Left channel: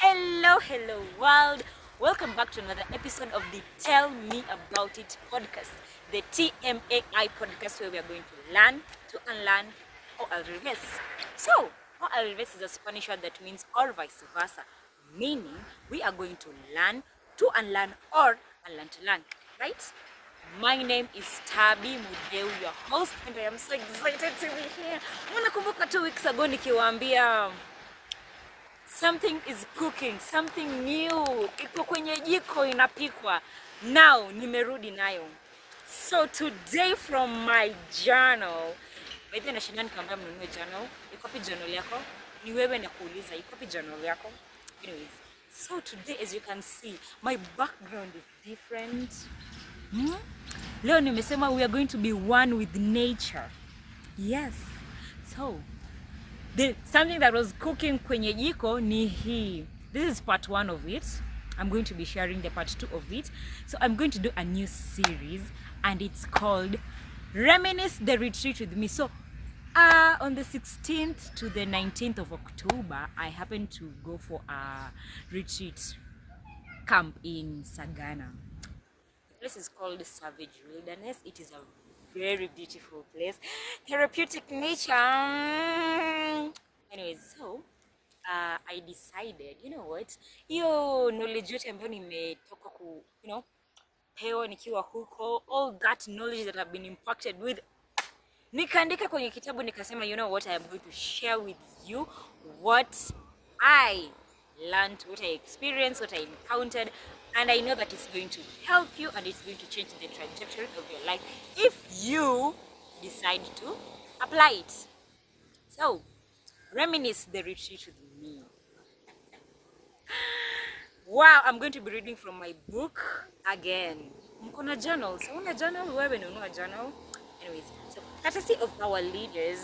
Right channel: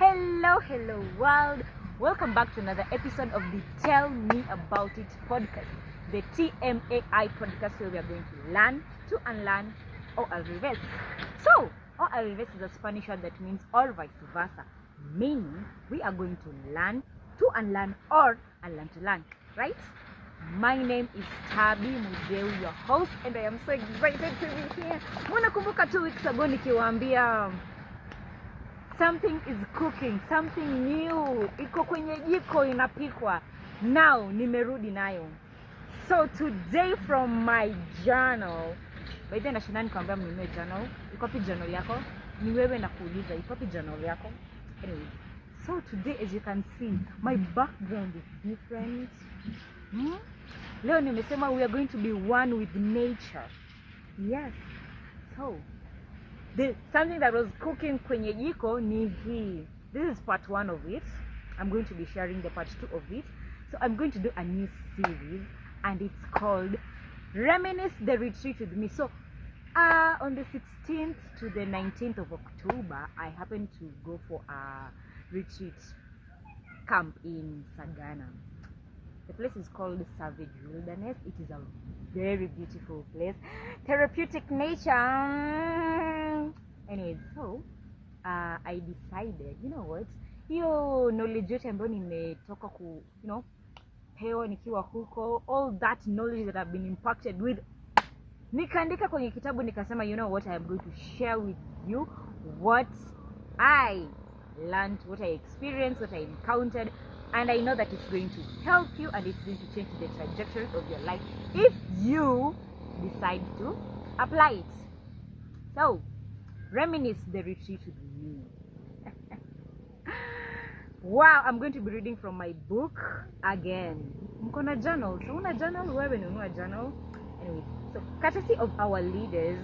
Hello world. Welcome back to another episode of the Tell Me About It podcast, the TMAI podcast, where we are going to learn, to unlearn, or al revés. So, or al revés is a Spanish word that means or vice versa, meaning we are going to learn, to unlearn, or unlearn to learn, right? My name is Tabi Mudeu, your host, and I am so excited to be here. Mnakumbuka 2 weeks ago nikiwaambia something is cooking, something new, iko kwenye jiko inapikwa. Now nimerudi nayo. So today from my journal, by the way nashinda nikwambia mnunue journal. Iko wapi journal yako? Ni wewe na kuuliza iko wapi journal yako? Anyways, so today as you can see, my background is different. Leo nimesema we are going to be one with nature. Yes. So something that was cooking kwenye jiko ni hii. This is part 1 of it. I'm going to be sharing the part 2 of it. So I'm going to do a new series and it's called Reminisce the Retreat with Me. So on the 16th to the 19th of October, I happened to go for a retreat camp in Sagana. The place is called Savage Wilderness. It is a very beautiful place, therapeutic nature. Anyways, so I decided, you know what, hiyo knowledge yote ambayo nimetoka pewa nikiwa huko, all that knowledge that I've been impacted with, nikaandika kwenye kitabu, nikasema, you know what, I am going to share with you what I learned, what I experienced, what I encountered. And I know that it's going to help you and it's going to change the trajectory of your life if you decide to apply it. So, reminisce the retreat with me. Wow, I'm going to be reading from my book again. Mko na journal? So, una journal? Wewe nunua journal? Anyways, so courtesy of our leaders,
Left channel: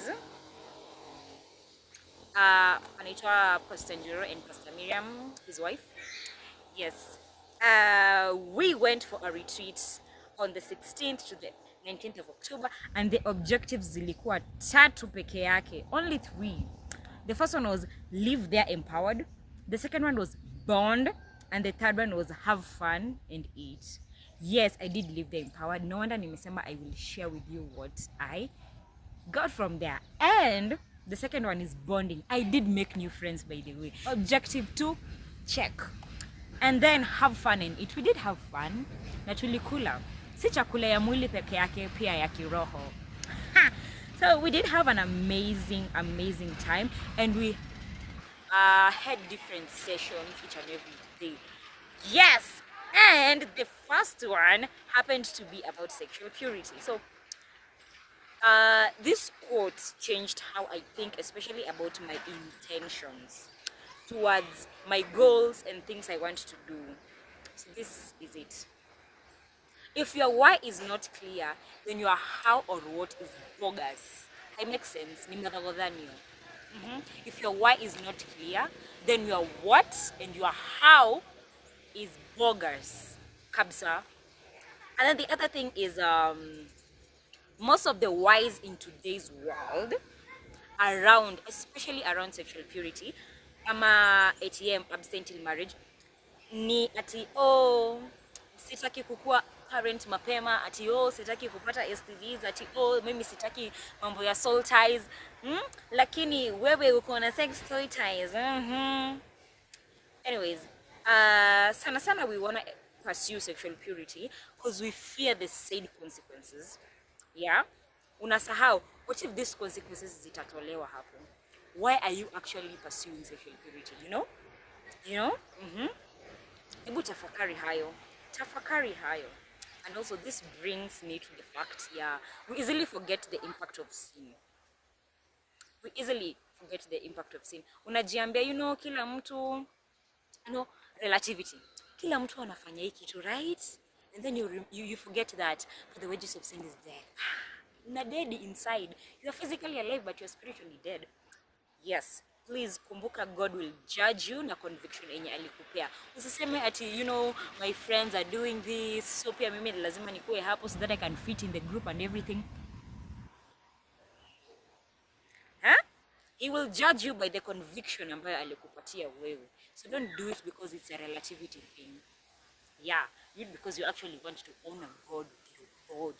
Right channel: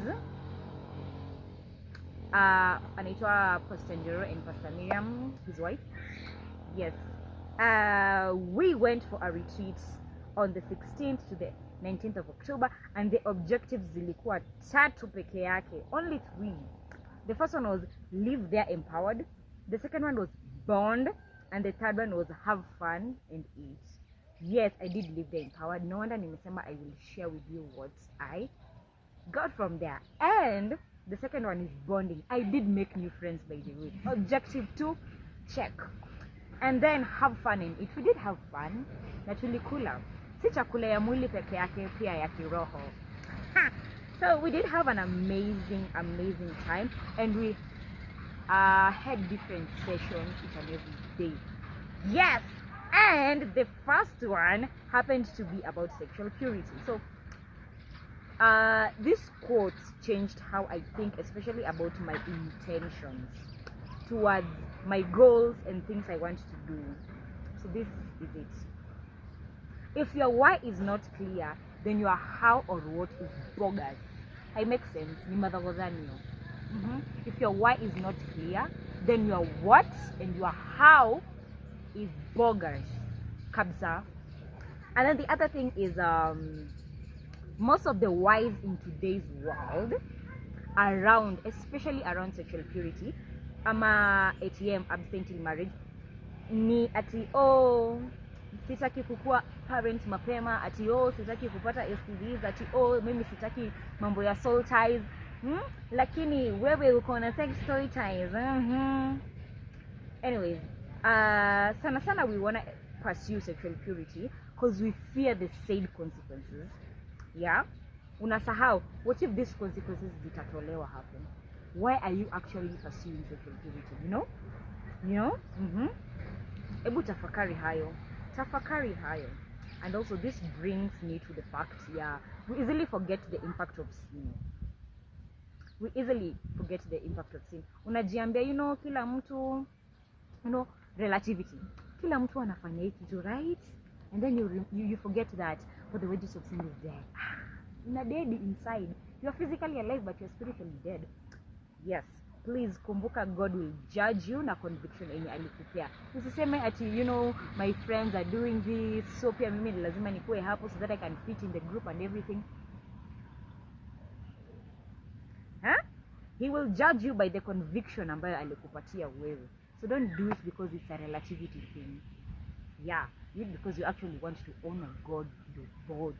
anaitwa Pastor Njoro and Pastor Miriam, his wife. Yes. We went for a retreat on the 16th to the 19th of October, and the objectives zilikuwa 3 peke yake, only 3. The first one was live there empowered, the second one was bond, and the third one was have fun and eat. Yes, I did live there empowered. No wonder nimesema I will share with you what I got from there. And the second one is bonding. I did make new friends, by the way. Objective 2, check. And then have fun and eat. We did have fun na tulikula. Si chakula ya mwili peke yake, pia ya kiroho. So we did have an amazing time, and we had different sessions each and every day. Yes, and the first one happened to be about sexual purity. So this quote changed how I think, especially about my intentions towards my goals and things I want to do. So this is it. If your why is not clear, then your how or what is bogus. It makes sense. Ni madhagodhanio. If your why is not clear, then your what and your how is bogus. Kabsa. And then the other thing is most of the whys in today's world around, especially around sexual purity, ama ATM, abstain till marriage, ni ati sitaki kukua parent mapema, ati sitaki kupata STDs, ati mimi sitaki mambo ya soul ties. Lakini wewe uko na sex toy ties. Anyways, sana we wanna pursue sexual purity because we fear the said consequences. Yeah? Unasahau, what if these consequences zitatolewa hapo? Why are you actually pursuing sexual purity? You know? Ebu tafakari hayo. And also this brings me to the fact, we easily forget the impact of sin. Unajiambia, kila mtu, relativity. Kila mtu anafanya hiki kitu, right? And then you forget that for the wages of sin is death. Una dead inside. You are physically alive but you are spiritually dead. Yes, please kumbuka, God will judge you na conviction enye alikupea. Usiseme ati, my friends are doing this, so pia mimi lazima nikuwe hapo so that I can fit in the group and everything. He will judge you by the conviction ambayo alikupatia wewe. So don't do it because it's a relativity thing. Yeah, do it because you actually want to honor God with your body.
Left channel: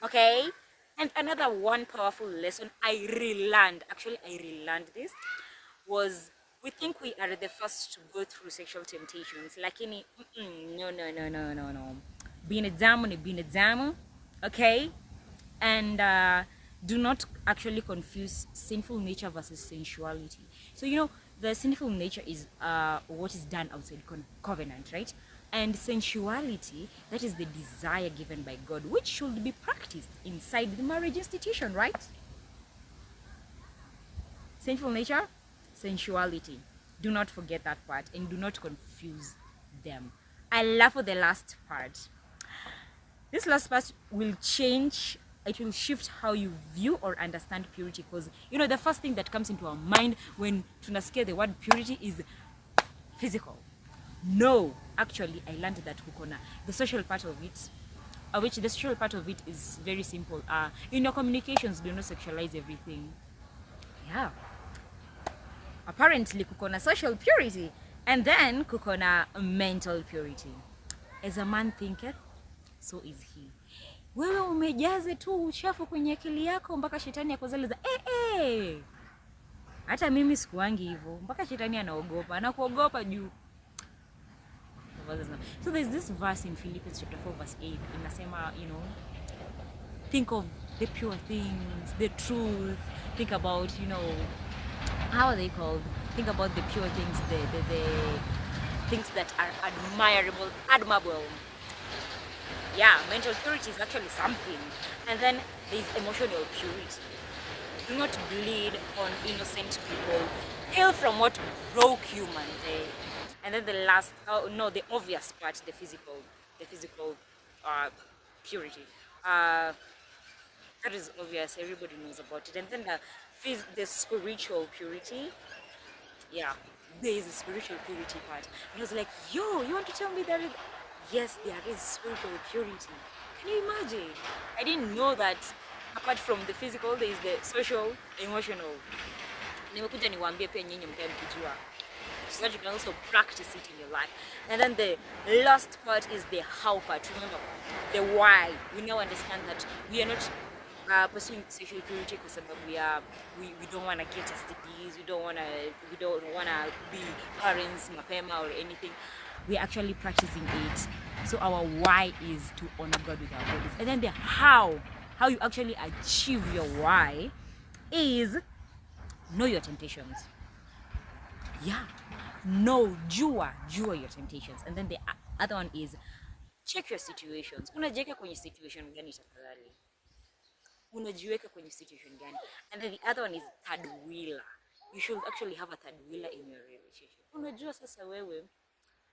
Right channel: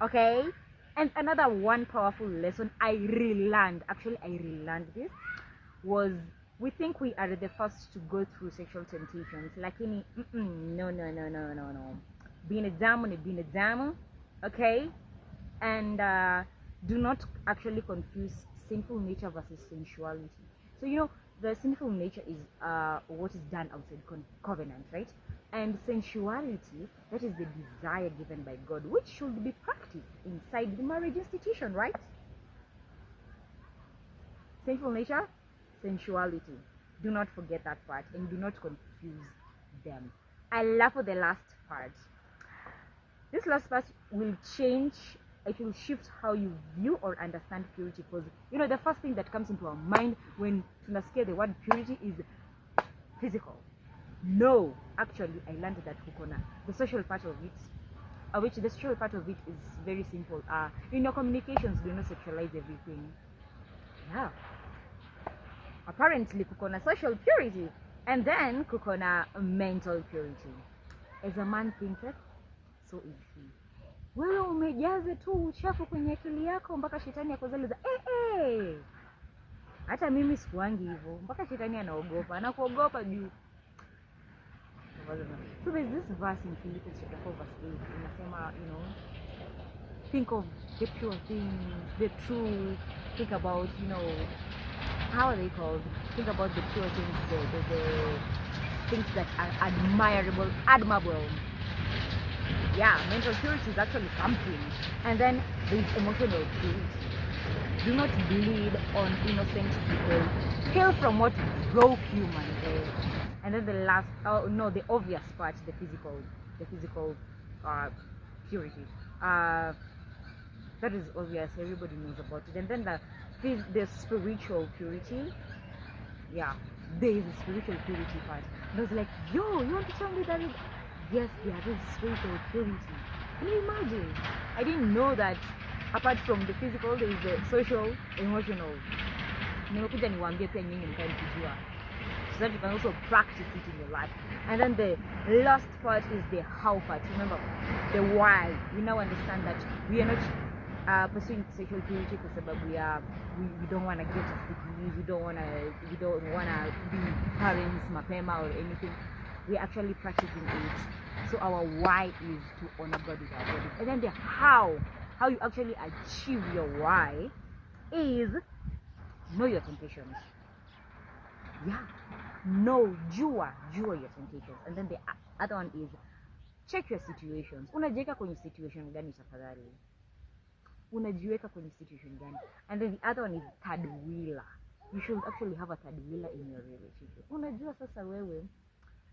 Okay? And another one powerful lesson I relearned, actually I relearned this, was we think we are the first to go through sexual temptations. Like any, no. Being a damo, okay? And do not actually confuse sinful nature versus sensuality. So the sinful nature is what is done outside covenant, right? And sensuality, that is the desire given by God, which should be practiced inside the marriage institution, right? Sinful nature, sensuality. Do not forget that part and do not confuse them. I love the last part. This last part will change, it will shift how you view or understand purity, because the first thing that comes into our mind when tunasikia the word purity is physical. No, actually I learned that kukona the social part of it, which the social part of it is very simple. In your communications, do not sexualize everything. Yeah, apparently kukona social purity, and then kukona mental purity. As a man thinketh, so is he. Wewe umejaze tu uchafu kwenye akili yako mpaka shetani akuzaliza. Hata mimi sikuangi hivyo, mpaka shetani anakuogopa juu. So there's this verse in Philippians chapter 4 verse 8 inasema, think of the pure things, the truth, think about, how are they called? Think about the pure things, the things that are admirable. Yeah, mental purity is actually something. And then there's emotional purity. Do not bleed on innocent people. Heal from what broke you, man. And then the obvious part, the physical purity. That is obvious, everybody knows about it. And then the spiritual purity. Yeah, there is a spiritual purity part. And I was like, yo, you want to tell me that yes, there is spiritual purity. Can you imagine? I didn't know that apart from the physical, there is the social, emotional. Nimekuja niwaambie pia nyinyi mkae mkijua, so that you can also practice it in your life. And then the last part is the how part. Remember, the why. We now understand that we are not pursuing sexual purity because we don't want to get STDs, we don't want to be parents mapema or anything. We're actually practicing it. So our why is to honor God with our bodies. And then the how you actually achieve your why is know your temptations. Yeah, jua your temptations. And then the other one is check your situations. Unajiweka kwenye situation gani tafadhali? Unajiweka kwenye situation gani? And then the other one is third wheeler. You should actually have a third wheeler in your relationship. Unajua sasa wewe,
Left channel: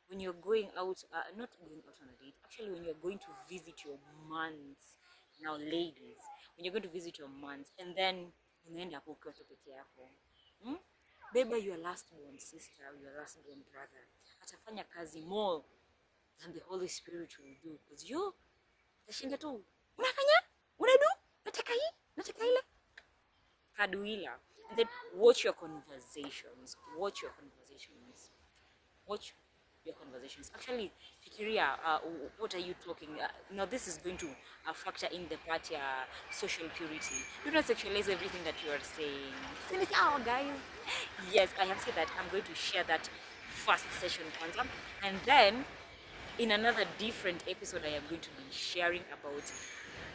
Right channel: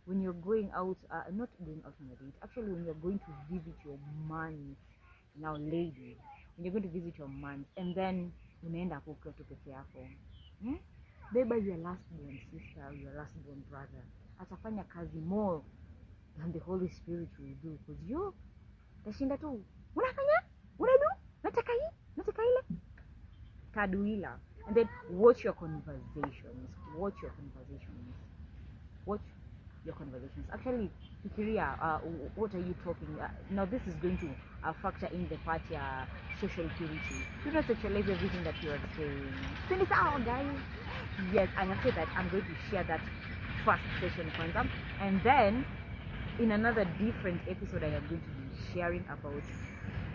when you're going out, not going out on a date, actually when you're going to visit your mans, now ladies, when you're going to visit your mans, and then unaenda hapo ukiwa tu peke yako, beba your last born sister, your last born brother, atafanya kazi more than the Holy Spirit will do, because you tashinda tu unafanya, unadu, nataka hii, nataka ile, kaduila. And then watch your conversations. Actually, fikiria, what are you talking? Now this is going to factor in the part social purity. Do not sexualize everything that you are saying. Send it out, guys. Yes, I have said that I'm going to share that first session concept, and then in another different episode I am going to be sharing about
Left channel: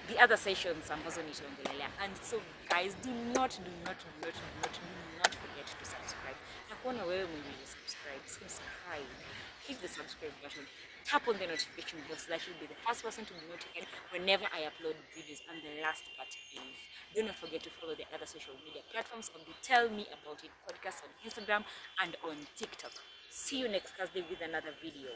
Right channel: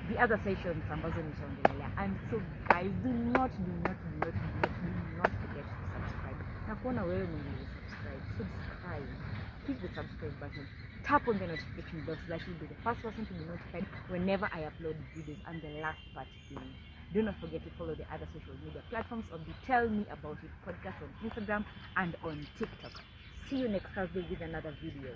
the other sessions ambazo nitaongelea. And so guys, do not forget to subscribe. Na kuona wewe mwenye subscribe, hit the subscribe button, tap on the notification bell so that you'll be the first person to be notified whenever I upload videos. And the last part is, do not forget to follow the other social media platforms of the Tell Me About It podcast on Instagram and on TikTok. See you next Thursday with another video.